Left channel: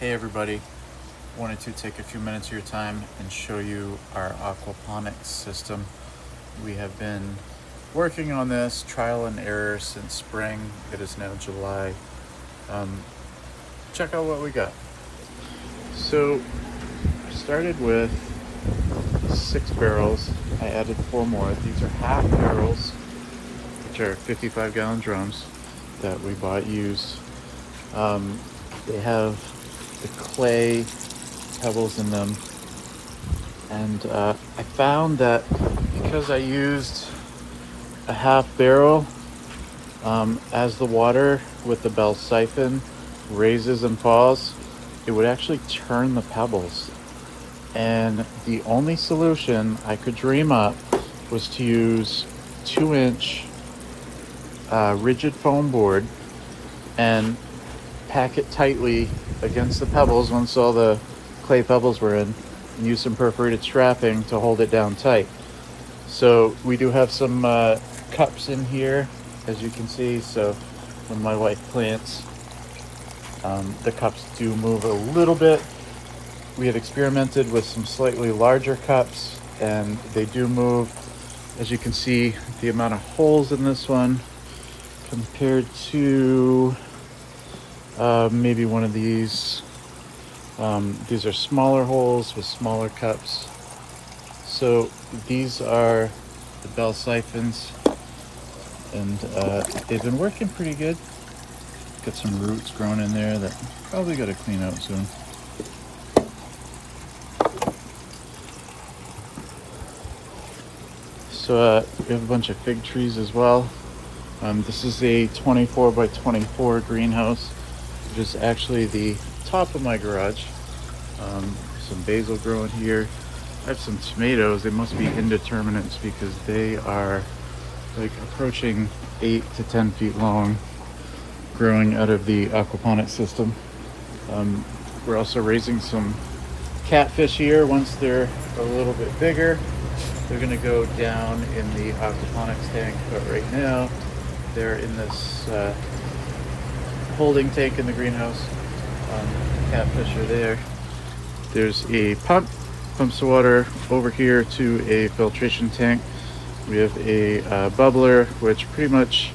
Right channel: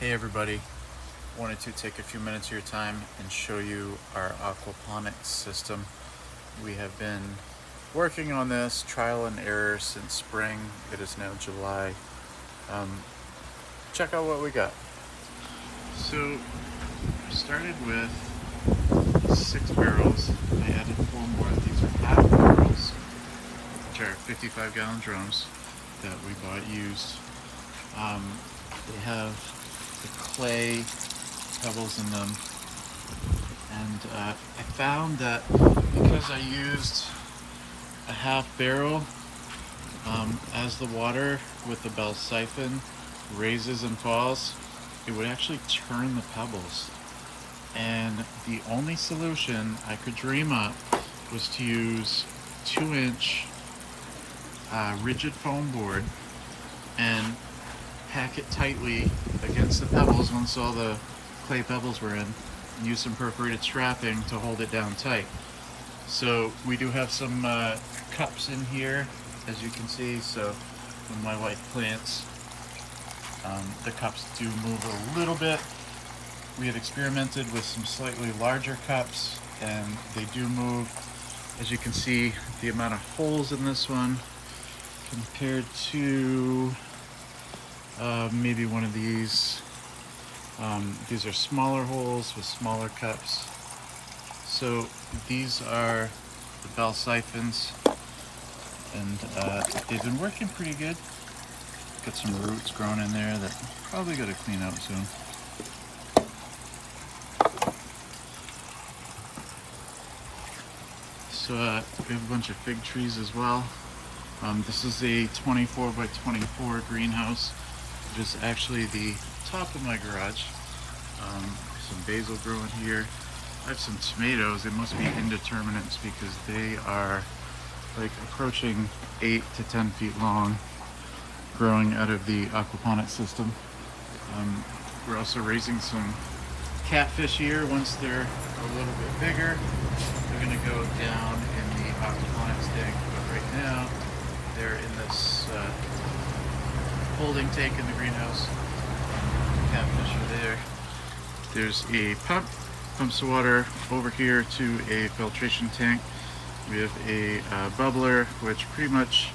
Hey everybody, wanted to take a few minutes of your time and show you our aquaponics system. We have been working on this trial and error since spring. It is now July. Check out what we got. So I started with 6 barrels. I added 4 more. These are half barrels, which are 55-gallon drums that we bought used. They have the clay pebbles in them, and I found that because I used a half barrel, as the water with the bell siphon raises and falls, it would actually turn the pebbles. And the only solution I could dream up was to use 2-inch rigid foam board and pack it tightly against the pebbles once all the clay pebbles were in, and use some perforated strapping to hold it down tight. So we do have some cups in here, as you can see. So when my wife plants, the cups do move a little bit. We had experimented with some slightly larger cups and they do move. As you can see, the amount of holes in this one compared to maybe one of these. These are smaller holes with smaller cups. So these are the bell siphons, and they've been working pretty good. Got some roots growing in there that probably got to clean out soon. So we have a bunch of fig trees as well. This is a 24 by 24 greenhouse, which is actually the top of my garage. Some basil growing here. I have some tomatoes. They must be indeterminates because they are like approaching 8 to 10 feet long, growing out of the aquaponics system. We're also raising some catfish here. Once they're a little bit bigger, they're going to go down in the aquaponics tank, but right now they're in this holding tank in the greenhouse. Catfish are there. There's a pump, pumps the water over here to a filtration tank. We have a bubbler, which pretty much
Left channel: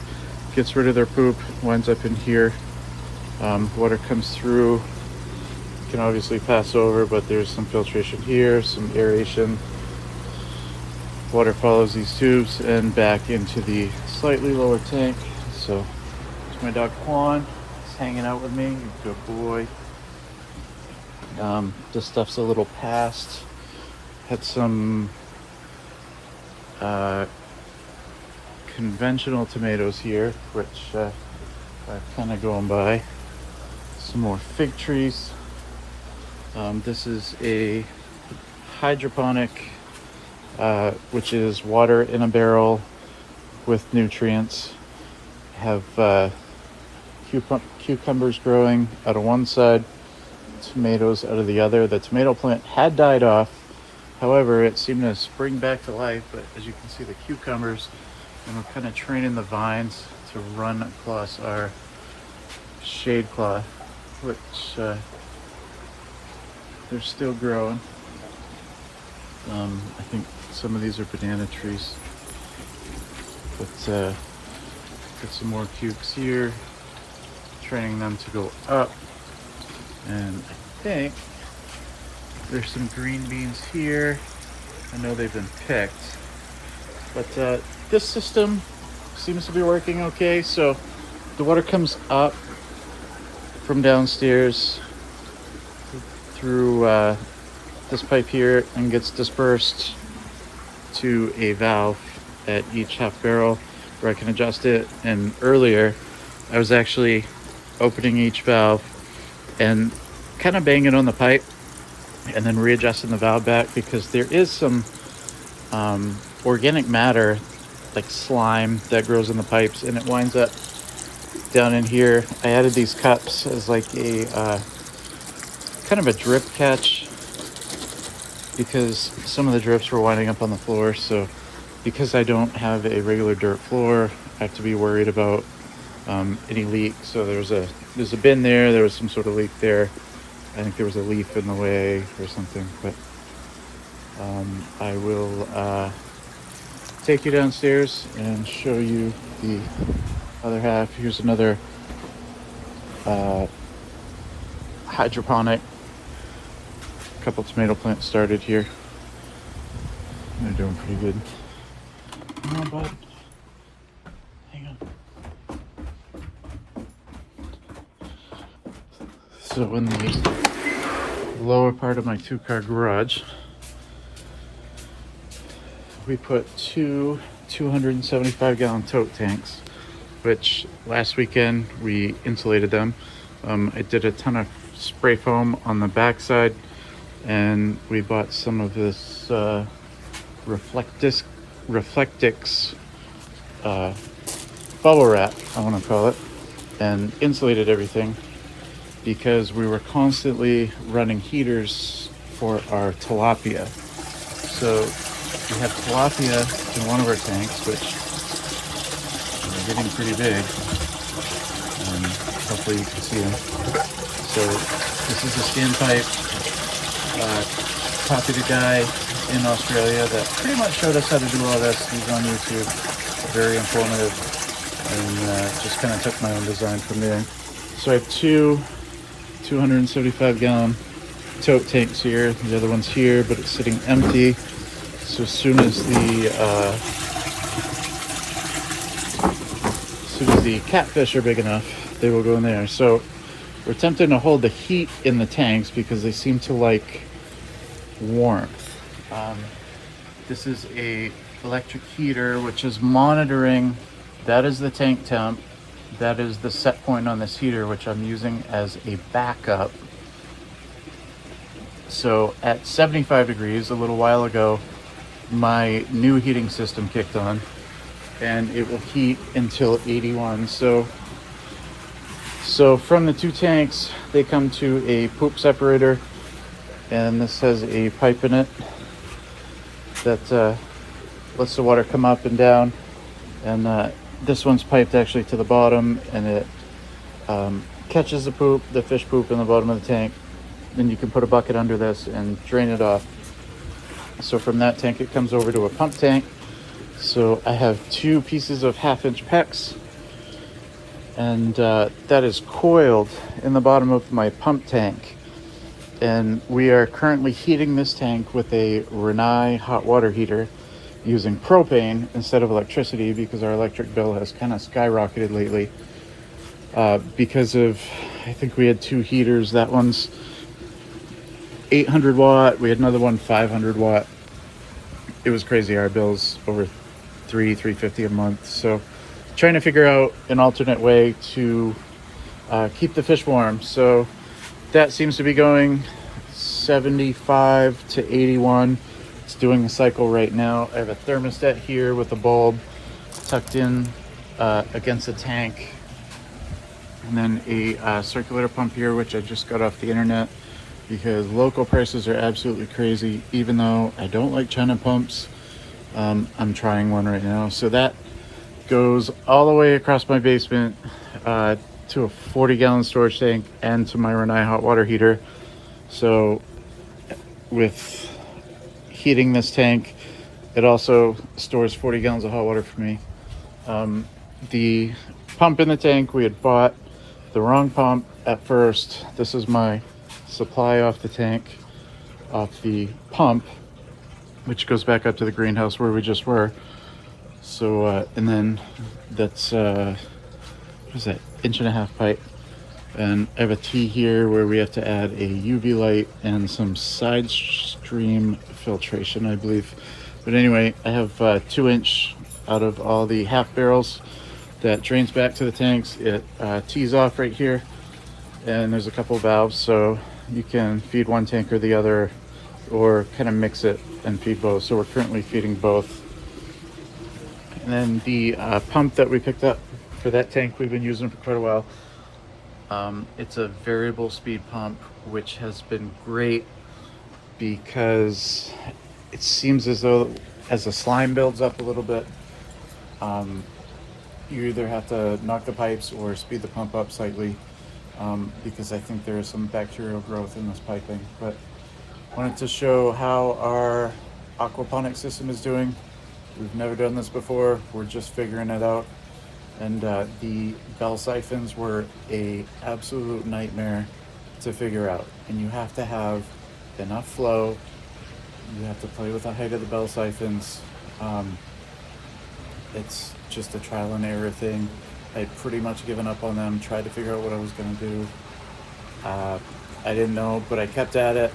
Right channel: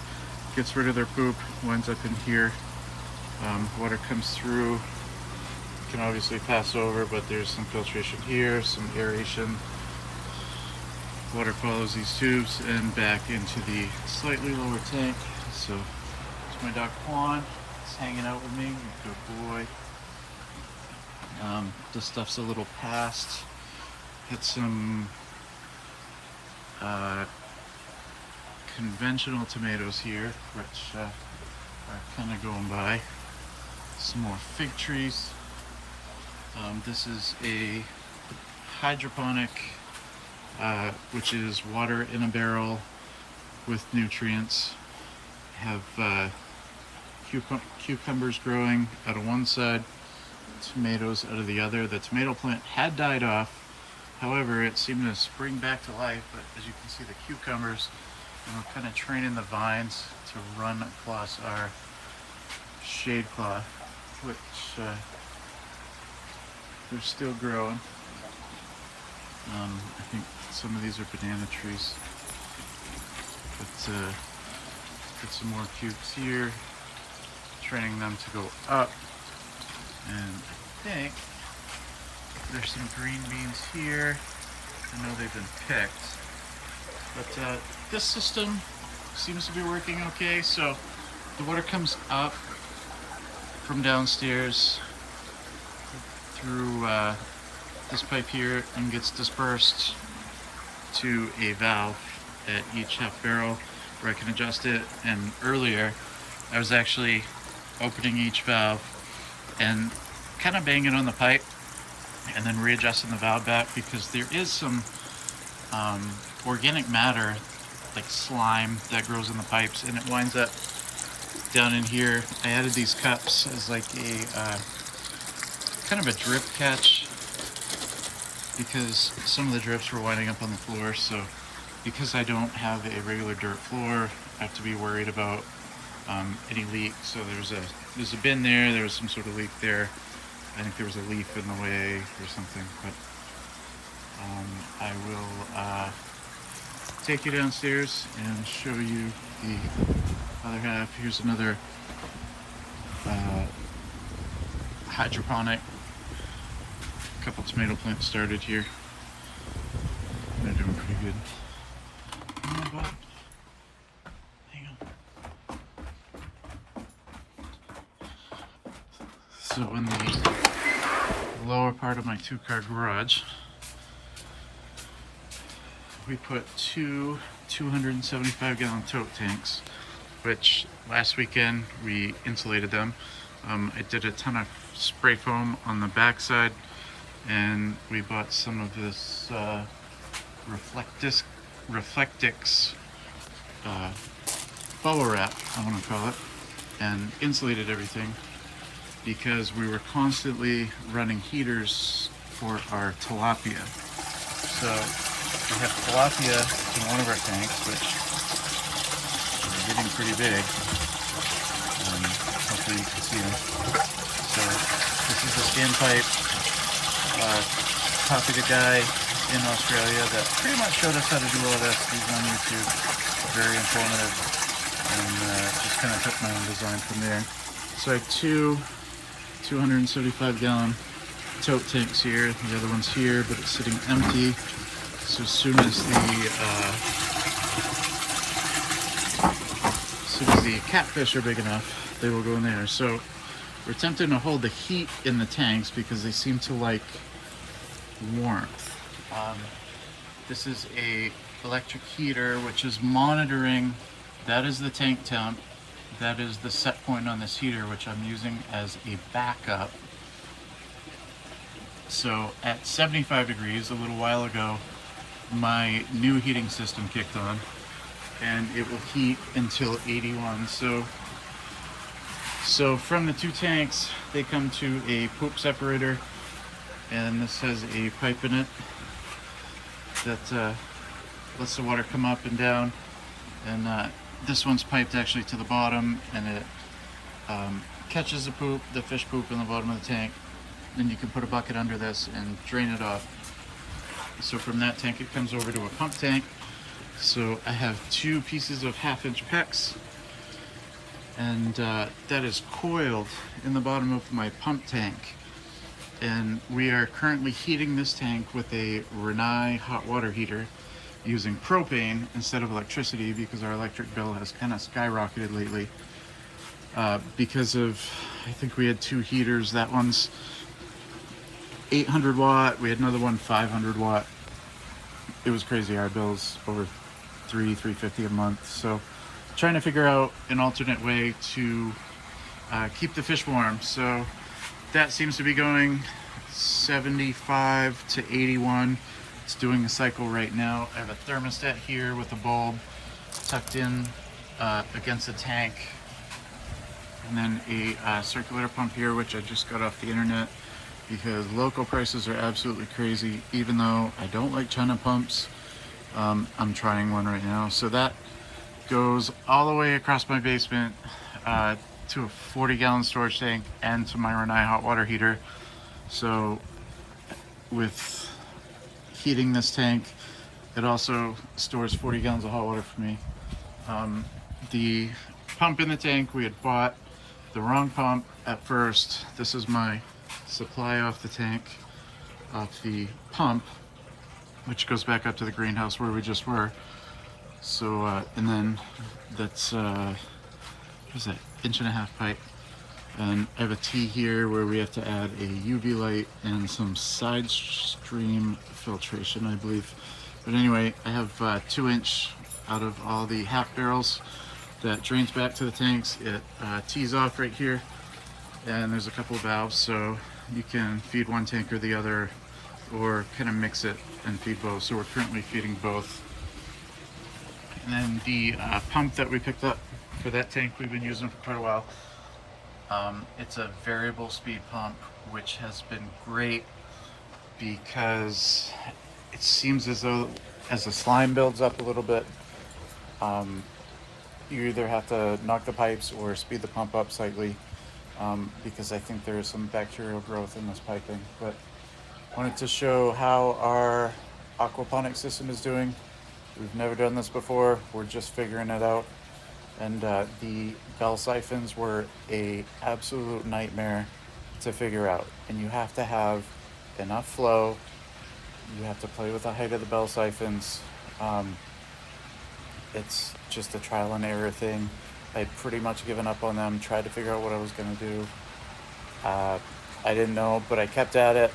gets rid of their poop, winds up in here. Water comes through, can obviously pass over, but there's some filtration here, some aeration. Water follows these tubes and back into the slightly lower tank. So it's my dog Quan. He's hanging out with me. Good boy. This stuff's a little past. Had some conventional tomatoes here, which are kind of going by. Some more fig trees. This is a hydroponic, which is water in a barrel with nutrients. Have cucumbers growing out of one side, tomatoes out of the other. The tomato plant had died off, however it seemed to spring back to life. But as you can see, the cucumbers, and we're kind of training the vines to run across our shade cloth, which they're still growing. I think some of these are banana trees, but got some more cukes here, training them to go up. And I think there's some green beans here. I know they've been picked, but this system seems to be working okay. So the water comes up from downstairs through this pipe here and gets dispersed to a valve at each half barrel where I can adjust it. And earlier I was actually opening each valve and kind of banging on the pipe and then readjusting the valve back, because there is some organic matter like slime that grows in the pipes and it winds up down in here. I added these cups as like a kind of a drip catch because some of the drips were winding up on the floor. So because I don't have a regular dirt floor, I have to be worried about any leak. So there's a bin there was some sort of leak there. I think there was a leaf in the way or something, but I will take you downstairs and show you the other half. Here's another hydroponic. A couple tomato plants started here. They're doing pretty good. Come on, bud. Hang on. So in the lower part of my 2-car garage, we put two 275-gallon tote tanks, which last weekend we insulated them. I did a ton of spray foam on the backside, and we bought some of this Reflectix bubble wrap, I want to call it, and insulated everything because we were constantly running heaters for our tilapia. So we have tilapia in one of our tanks, which are getting pretty big. Hopefully you can see them. So this is a standpipe. Copied a guy in Australia that pretty much showed us how to do all this. He's on YouTube, very informative, and just kind of took my own design from there. So I have two 275-gallon tote tanks here. The other one's here, but it's sitting empty. So as soon as the catfish are big enough, they will go in there. So we're attempting to hold the heat in the tanks because they seem to like warmth. This is a electric heater which is monitoring. That is the tank temp. That is the set point on this heater, which I'm using as a backup. So at 75 degrees, a little while ago, my new heating system kicked on, and it will heat until 81. So from the two tanks, they come to a poop separator, and this has a pipe in it that lets the water come up and down. And this one's piped actually to the bottom, and it catches the fish poop in the bottom of the tank. Then you can put a bucket under this and drain it off. So from that tank, it comes over to a pump tank. So I have 2 pieces of 1/2-inch PEX, and that is coiled in the bottom of my pump tank. And we are currently heating this tank with a Rinnai hot water heater using propane instead of electricity, because our electric bill has kind of skyrocketed lately because of, I think we had 2 heaters. That one's 800 watt. We had another one 500 watt. It was crazy. Our bill's over $350 a month. So trying to figure out an alternate way to keep the fish warm. So that seems to be going 75 to 81. It's doing a cycle right now. I have a thermostat here with a bulb tucked in against the tank, and then a circulator pump here, which I just got off the internet because local prices are absolutely crazy. Even though I don't like China pumps, I'm trying one right now. So that goes all the way across my basement to a 40-gallon storage tank and to my Rinnai hot water heater. So with heating this tank, it also stores 40 gallons of hot water for me. The pump in the tank, we had bought the wrong pump at first. This is my supply off the tank, off the pump, which goes back up to the greenhouse where we just were. So and then that's what is that, 1.5-inch pipe. And I have a T here where we have to add a UV light and some side stream filtration, I believe. But anyway, I have 2-inch out of all the half barrels that drains back to the tanks. It tees off right here, and there's a couple of valves, so you can feed one tank or the other, or kind of mix it and feed both. So we're currently feeding both. And then the pump that we picked up for that tank, we've been using for quite a while. It's a variable speed pump, which has been great because it seems as though as the slime builds up a little bit, you either have to knock the pipes or speed the pump up slightly. because I think there is some bacterial growth in this piping. But wanted to show how our aquaponics system is doing. We've never done this before. We're just figuring it out. And the bell siphons were a absolute nightmare to figure out. And you have to have enough flow. You have to play with the height of the bell siphons. It's just a trial and error thing. I'd pretty much given up on them, tried to figure out what I was gonna do. I didn't know, but I kept at it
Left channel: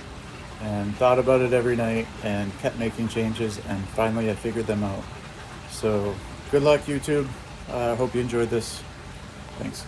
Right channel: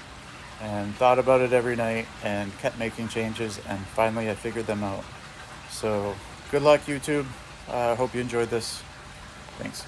and thought about it every night and kept making changes, and finally I figured them out. So good luck, YouTube. I hope you enjoyed this. Thanks.